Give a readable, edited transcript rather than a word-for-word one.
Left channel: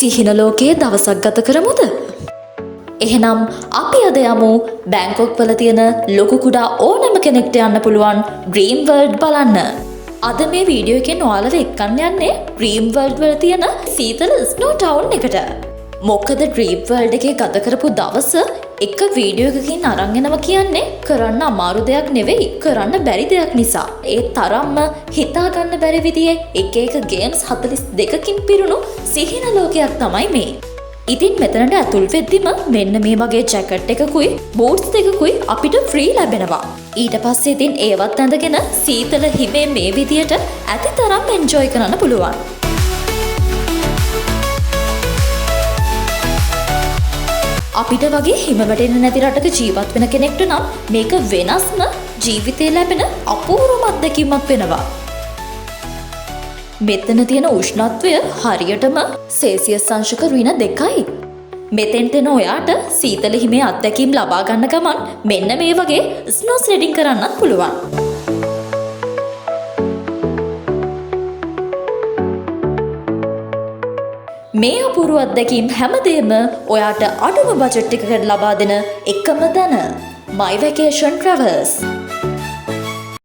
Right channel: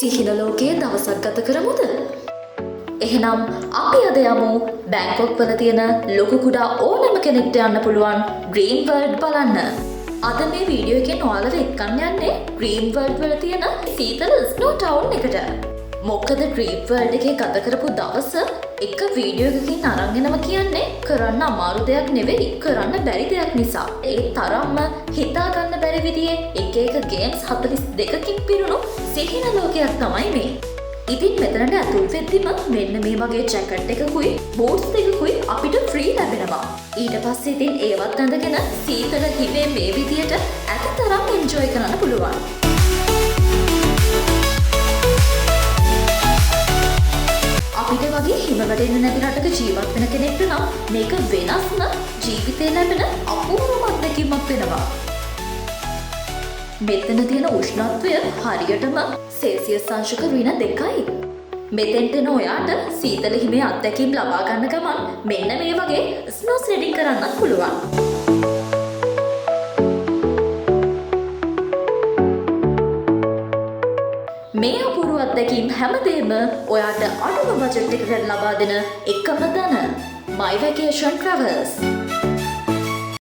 සිහින ලෝකයේ දවසක් ගත කරමුද? එහෙනම් අපි අද යමු බැංකොක් වල තියෙන ලොකු කුඩා ඕනෑම කෙනෙක්ට යන්න පුළුවන් ඩ්‍රීම් වර්ල්ඩ් බලන්න. අද මේ වීඩියෝ එකෙන් ඔයාලව එක්කන් යන්නේ ඩ්‍රීම් වර්ල්ඩ් වල තියෙන සීතල ස්නෝ ටවුන් එකට. මොකද ඩ්‍රීම් වර්ල්ඩ් එකේ ගත කරපු දවස එක වීඩියෝ එකකින් අරන් එනවා කියන්නේ කරන්න අමාරු දෙයක් නෙවෙයි, කරන්න බැරි දෙයක් නිසා. ඒ තරම්ම හිතා ගන්න බැරි විදිහේ එක එක ගේම්ස් 42කින් පිරුණු සිහින ලෝකයක් තමයි මේ. ඉතින් මෙතනට ඇතුල් වෙද්දිම මෙන්න මේ වගේ ජැකට් එකකුයි බූට්ස් දෙකකුයි අපිට ෆ්‍රී ලැබෙනවා. ඊට පස්සේ ඉතින් ඒවත් ඇඳගෙන සීතල හිමේ මේ විදියට ඇති තරම් එන්ජොයි කරන්න පුළුවන්. අපිට වගේ හිම වැටෙන්නේ නැති රටක ජීවත් වෙන කෙනෙක්ට නම් මේක වෙනස්ම ජීවිතේ ලැබෙන අපූර්වම අත්දැකීමක් වෙනවා. මෙතන තියෙන උෂ්ණත්වය හරියටම සෙල්සියස් අංශක -2යි. මෙතෙන්ට එන ඔයාට සීතල හිමේ අත්දැකීම් ලබා ගන්න ගමන් මෙන්න මේ වගේ ස්නෝ ස්ලෙඩින් කරන්නත් පුළුවන්. මේ අපූර්ව අත්දැකීම් හැමදේම ඔයාට අඩුම බජට් එකකට ලබා දෙන එකම තැන My Vacation Travels.